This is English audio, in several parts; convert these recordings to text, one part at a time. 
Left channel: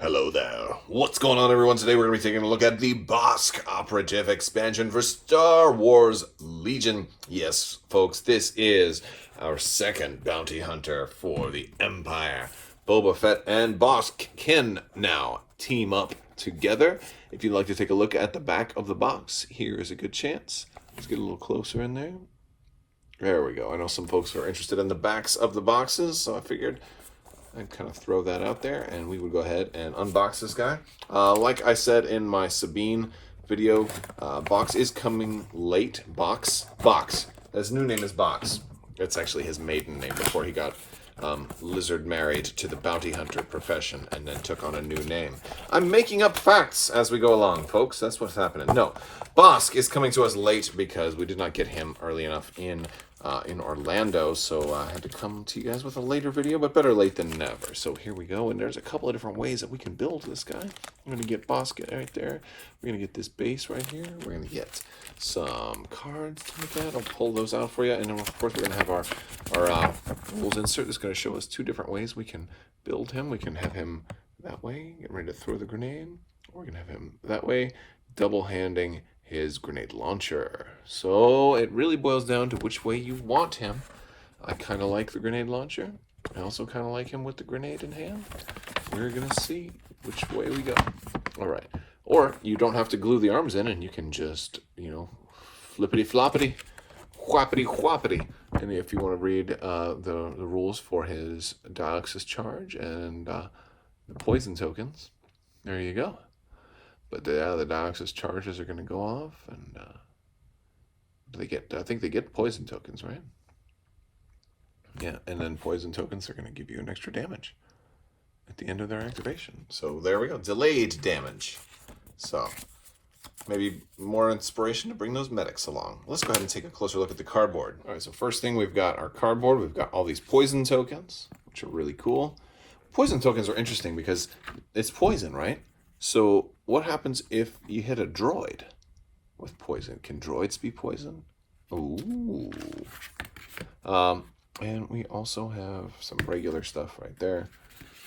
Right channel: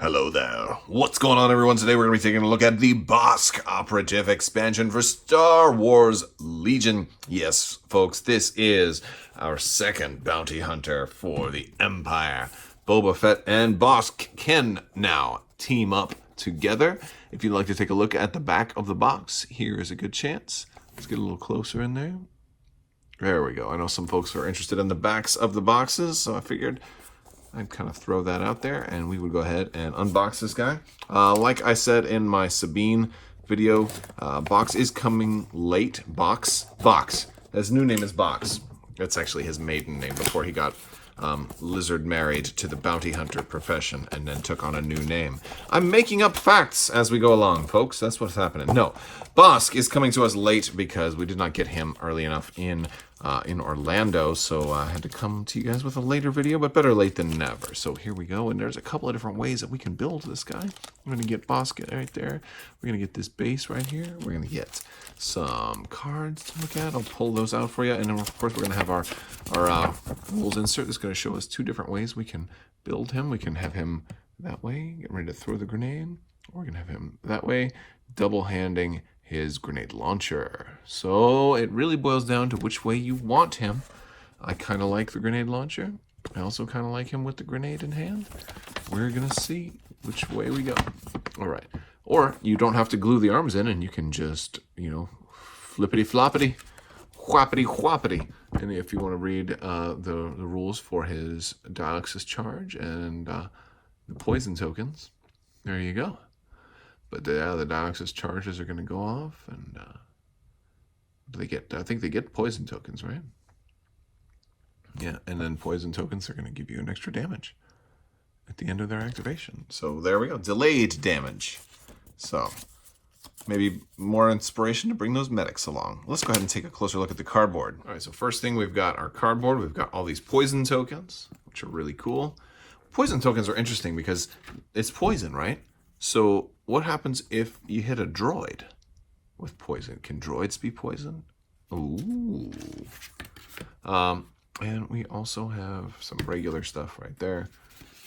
Hello there. What's going on, everyone? Today we're going to be taking a look at the Bossk Operative expansion for Star Wars Legion. Yes, folks, this is our second bounty hunter for the Empire. Boba Fett and Bossk can now team up together. If you'd like to take a look at the back of the box, here is a good chance. Let's get a little closer in there. There we go. I know some folks are interested in the backs of the boxes, so I figured I'd kind of throw that out there, and we would go ahead and unbox this guy. Like I said in my Sabine video, Box is coming late. Box. His new name is Box. That's actually his maiden name before he got lizard married to the bounty hunter profession and then took on a new name. I'm making up facts as we go along, folks. That's what's happening. No, Bossk is coming to us late because we did not get him early enough in Orlando, so I had to come to you guys with a later video, but better late than never. So here we go, and there's a couple of different ways that we can build this guy. We're going to get Bossk right there. We're going to get this base right here. We're going to get some cards like that. I'll pull those out for you, and then of course we're going to have our rules insert that's going to show us two different ways we can build him. We can have him that way, get ready to throw the grenade. We're going to have him that way, double-handing his grenade launcher. So it really boils down to which way you want him. I kind of like the grenade launcher. I also kind of like him with the grenade in hand. We're gonna see which way we go. All right. Or you don't have to glue the arms in, and you can just, flippity floppity, whoppity whoppity. And if you want to read the rules for his dialysis charge and the poison tokens, there you go. But the dialysis charges are going to go off, and I think they get poison tokens, right? Yeah, and then poison tokens are going to give you an extra damage at the end of their activation. So there we go, delayed damage. So maybe more inspiration to bring those medics along. Let's go ahead and take a closer look at the cardboard. All right, so first thing, we've got our cardboard. We've got all these poison tokens, which are really cool. Poison tokens are interesting because it's poison, right? So what happens if you hit a droid with poison? Can droids be poisoned? Ooh. And we also have some regular stuff right there.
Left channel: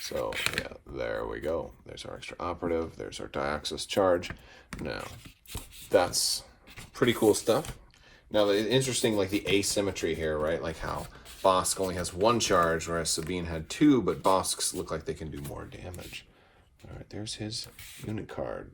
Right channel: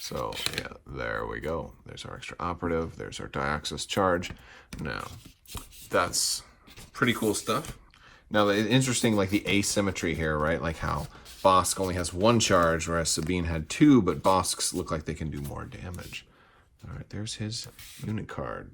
So yeah, there we go. There's our extra operative. There's our dialysis charge. Now, that's pretty cool stuff. Now, it's interesting, like the asymmetry here, right? Like how Bossk only has one charge, whereas Sabine had two, but Bosk's look like they can do more damage. All right, there's his unit card.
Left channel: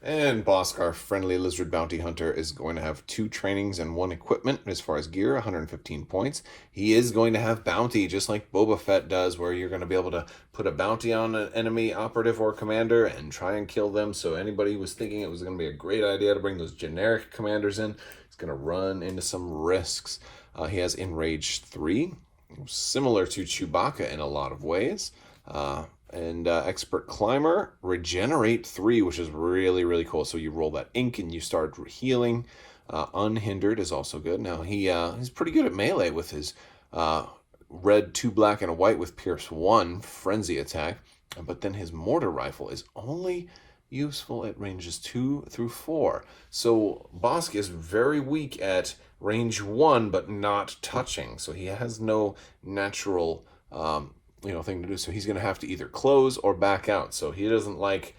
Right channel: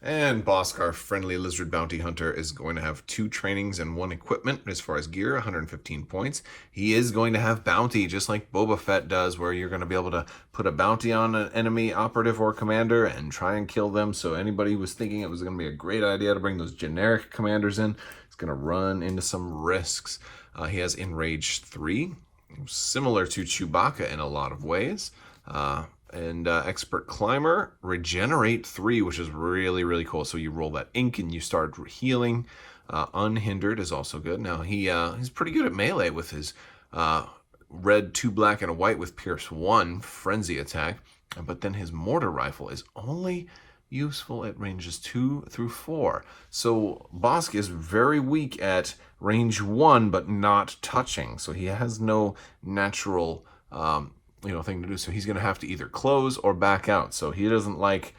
And Bossk, our friendly lizard bounty hunter, is going to have 2 trainings and 1 equipment as far as gear, 115 points. He is going to have bounty, just like Boba Fett does, where you're going to be able to put a bounty on an enemy operative or commander and try and kill them. So anybody who was thinking it was going to be a great idea to bring those generic commanders in is going to run into some risks. He has Enrage 3, similar to Chewbacca in a lot of ways. And Expert Climber, Regenerate 3, which is really, really cool. So you roll that ink and you start healing. Unhindered is also good. Now, he's pretty good at melee with his red, 2 black, and a white with Pierce 1 frenzy attack. But then his mortar rifle is only useful at ranges 2 through 4. So Bossk is very weak at range 1, but not touching. So he has no natural thing to do. So he's going to have to either close or back out. So he doesn't like,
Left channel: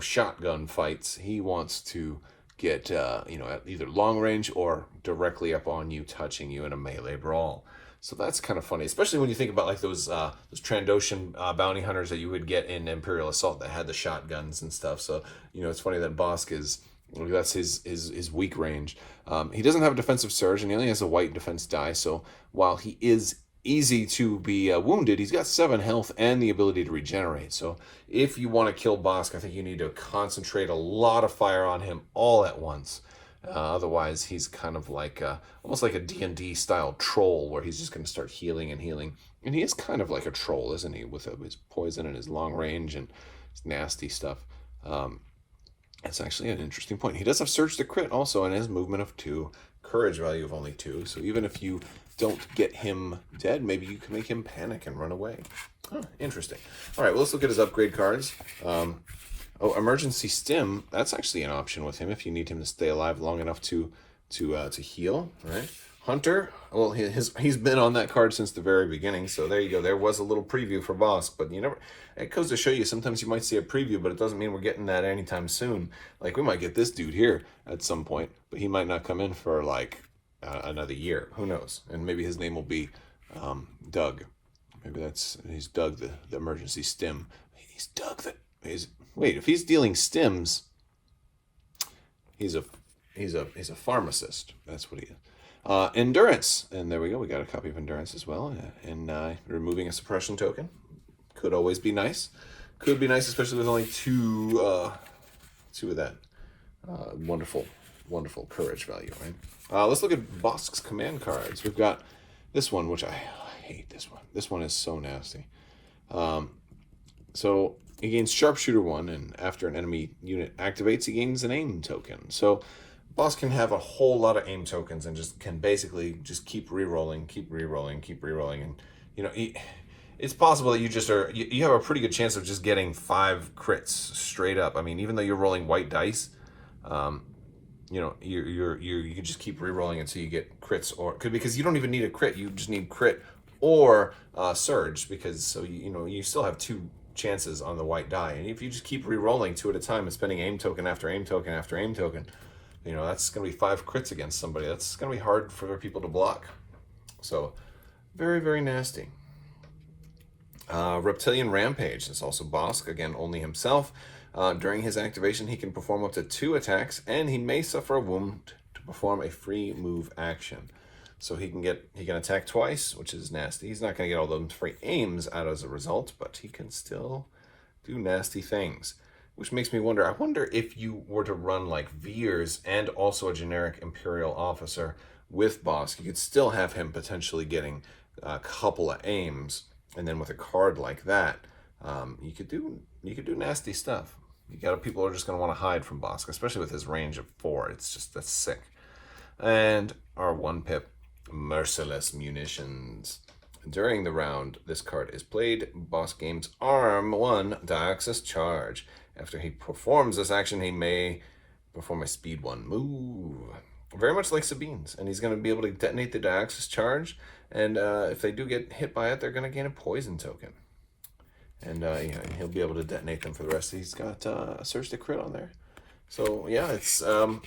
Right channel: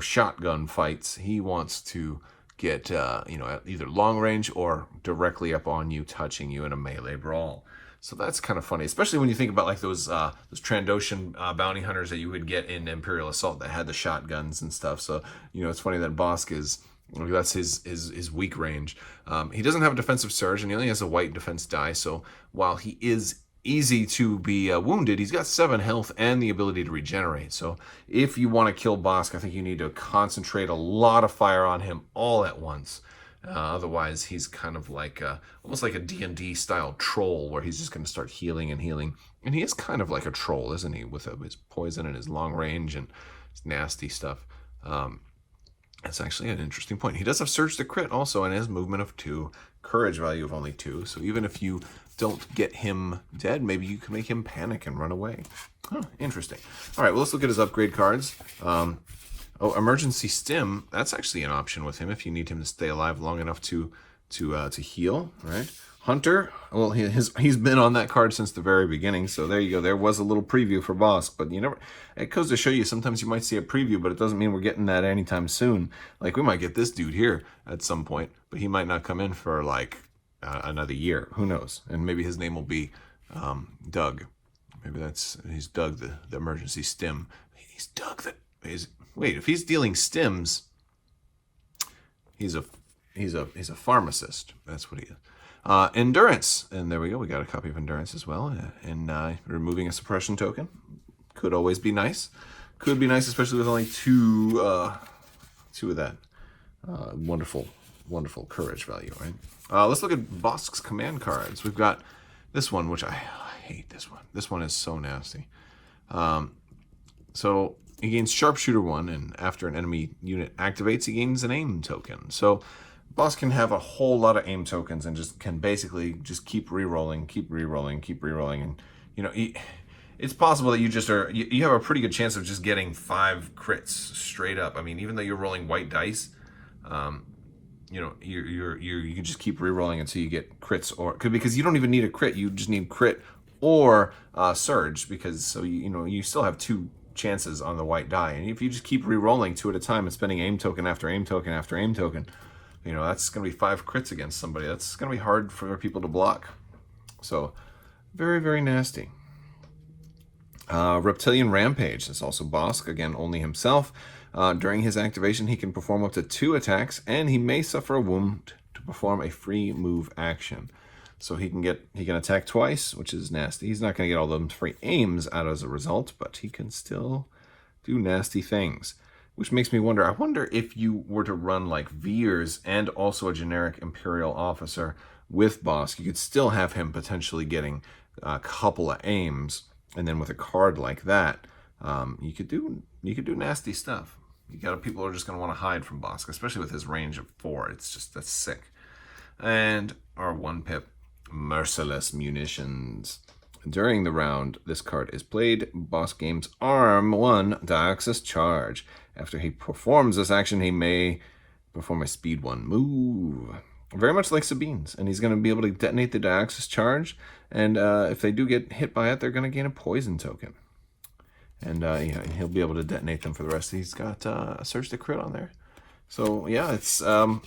shotgun fights. He wants to get, at either long range or directly up on you, touching you in a melee brawl. So that's kind of funny, especially when you think about like those Trandoshan bounty hunters that you would get in Imperial Assault that had the shotguns and stuff. So, it's funny that Bossk that's his weak range. He doesn't have a defensive surge, and he only has a white defense die. So while he is easy to be wounded, he's got 7 health and the ability to regenerate. So if you want to kill Bossk, I think you need to concentrate a lot of fire on him all at once. Otherwise, he's kind of like almost like a D&D style troll, where he's just going to start healing and healing. And he is kind of like a troll, isn't he, with his poison and his long range and his nasty stuff. That's actually an interesting point. He does have Surge to Crit also, and his movement of 2, courage value of only 2. So even if you don't get him dead, maybe you can make him panic and run away. Oh, interesting. All right, well, let's look at his upgrade cards. Emergency Stim. That's actually an option with him if you need him to stay alive long enough to heal, right? Hunter, well, he's been on that card since the very beginning, so there you go. There was a little preview for Bossk, but you never. It goes to show you, sometimes you might see a preview, but it doesn't mean we're getting that anytime soon. Like, we might get this dude here at some point, but he might not come in for, like, another year. Who knows? And maybe his name will be Doug. Maybe he's Doug, the emergency stim. He's Doug wait, if he's dealing stims, he's a pharmacist. That's what he is. Endurance, and there we go. We got a copy of Endurance as well, and removing a suppression token could always be nice. Could be nice, especially with only two of that wonderful courage value, right? Let's look at Bossk's command cards. We've got this one, which I hate. This one. This one is so nasty. So he gains Sharpshooter 1, and after an enemy unit activates, he gains an aim token. So Bossk can have a whole lot of aim tokens and just can basically just keep rerolling, and you know, it's possible that you have a pretty good chance of just getting 5 crits straight up. I mean, even though you're rolling white dice, you know, you can just keep rerolling until you get crits, because you don't even need a crit, you just need crit or surge, because so you know you still have 2 chances on the white die, and if you just keep rerolling 2 at a time and spending aim token after aim token after aim token, you know, that's going to be 5 crits against somebody. That's going to be hard for people to block. So, very, very nasty. Reptilian Rampage. That's also Bossk. Again, only himself. During his activation, he can perform up to 2 attacks, and he may suffer a wound to perform a free move action. So he can attack twice, which is nasty. He's not going to get all those free aims out as a result, but he can still do nasty things. Which makes me wonder, I wonder if you were to run like Veers and also a generic Imperial officer with Bossk, you could still have him potentially getting a couple of aims, and then with a card like that, you could do nasty stuff. People are just going to want to hide from Bossk, especially with his range of 4. That's sick. And our 1-pip, Merciless Munitions. During the round this card is played, Bossk gains Arm 1 Dioxis Charge. After he performs this action, he may perform a Speed 1 move. Very much like Sabine's. And he's going to be able to detonate the Dioxis Charge. And if they do get hit by it, they're going to gain a Poison token. And he'll be able to detonate them for the rest. He's got a Surge to Crit on there. So, yeah, it's going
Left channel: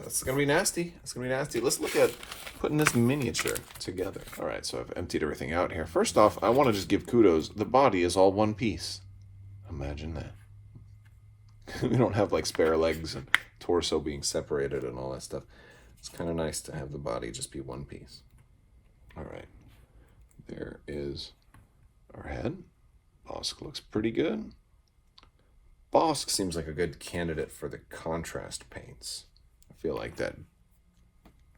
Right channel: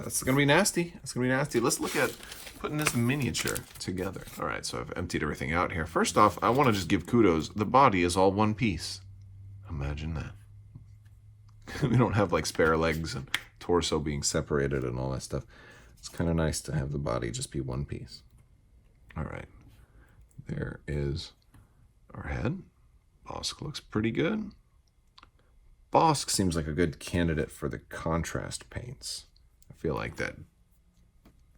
to be nasty. It's going to be nasty. Let's look at putting this miniature together. All right, so I've emptied everything out here. First off, I want to just give kudos. The body is all one piece. Imagine that. We don't have like spare legs and torso being separated and all that stuff. It's kind of nice to have the body just be one piece. All right. There is our head. Bossk looks pretty good. Bossk seems like a good candidate for the contrast paints. I feel like that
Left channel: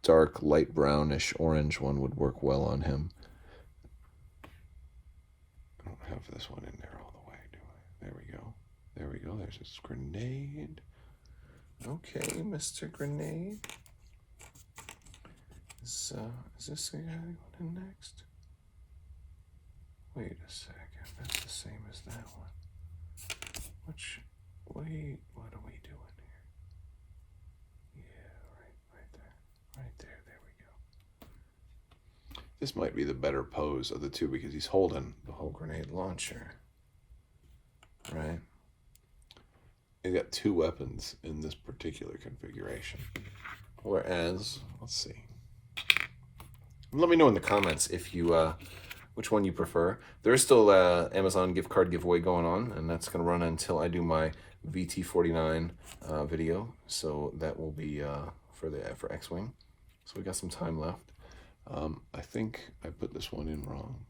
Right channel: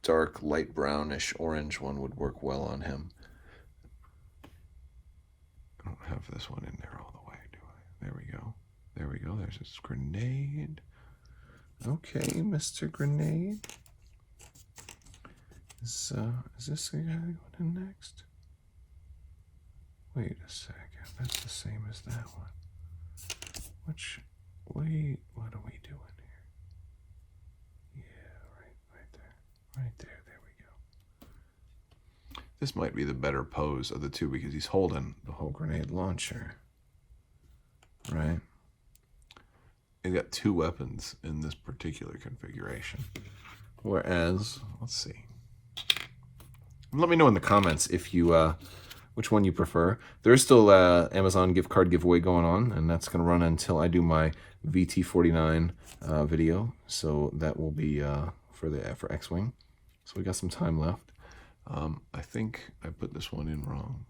dark, light brownish orange one would work well on him. I don't have this one in there all the way, do I? There we go. There we go. There's this grenade. Okay, Mr. Grenade. Is this the guy going in next? Wait a second. That's the same as that one. Wait, what are we doing here? Yeah, right there. Right there. There we go. This might be the better pose of the two because he's holding the whole grenade launcher. Right? They've got 2 weapons in this particular configuration. Whereas, let's see. Let me know in the comments if you which one you prefer. There is still Amazon gift card giveaway going on, and that's going to run until I do my VT49 video. So that will be for X-Wing. So we got some time left. I think I put this one in wrong.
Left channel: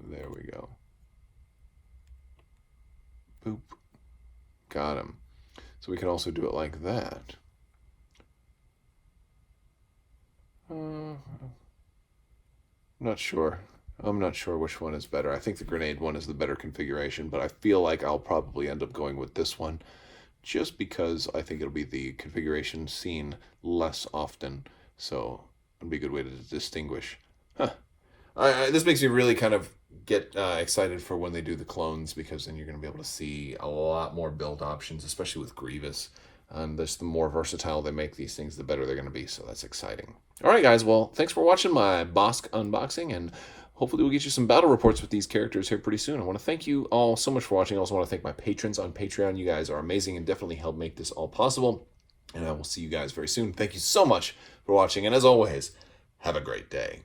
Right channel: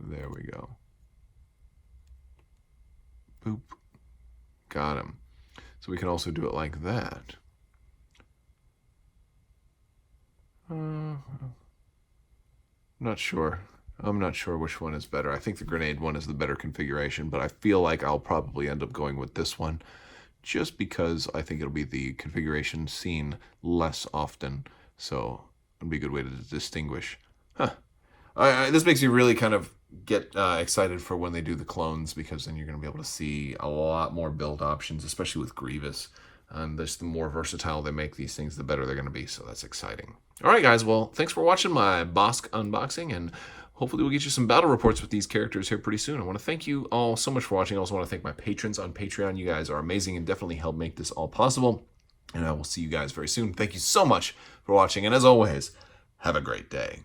There we go. Boop. Got him. So we can also do it like that. Not sure. I'm not sure which one is better. I think the grenade one is the better configuration, but I feel like I'll probably end up going with this one just because I think it'll be the configuration seen less often. So it'll be a good way to distinguish. Huh. This makes me really kind of get excited for when they do the clones, because then you're going to be able to see a lot more build options, especially with Grievous. And the more versatile they make these things, the better they're going to be. So that's exciting. All right, guys. Well, thanks for watching my Bossk unboxing, and hopefully we'll get you some battle reports with these characters here pretty soon. I want to thank you all so much for watching. I also want to thank my patrons on Patreon. You guys are amazing and definitely help make this all possible. And I will see you guys very soon. Thank you so much for watching. And as always, have a great day.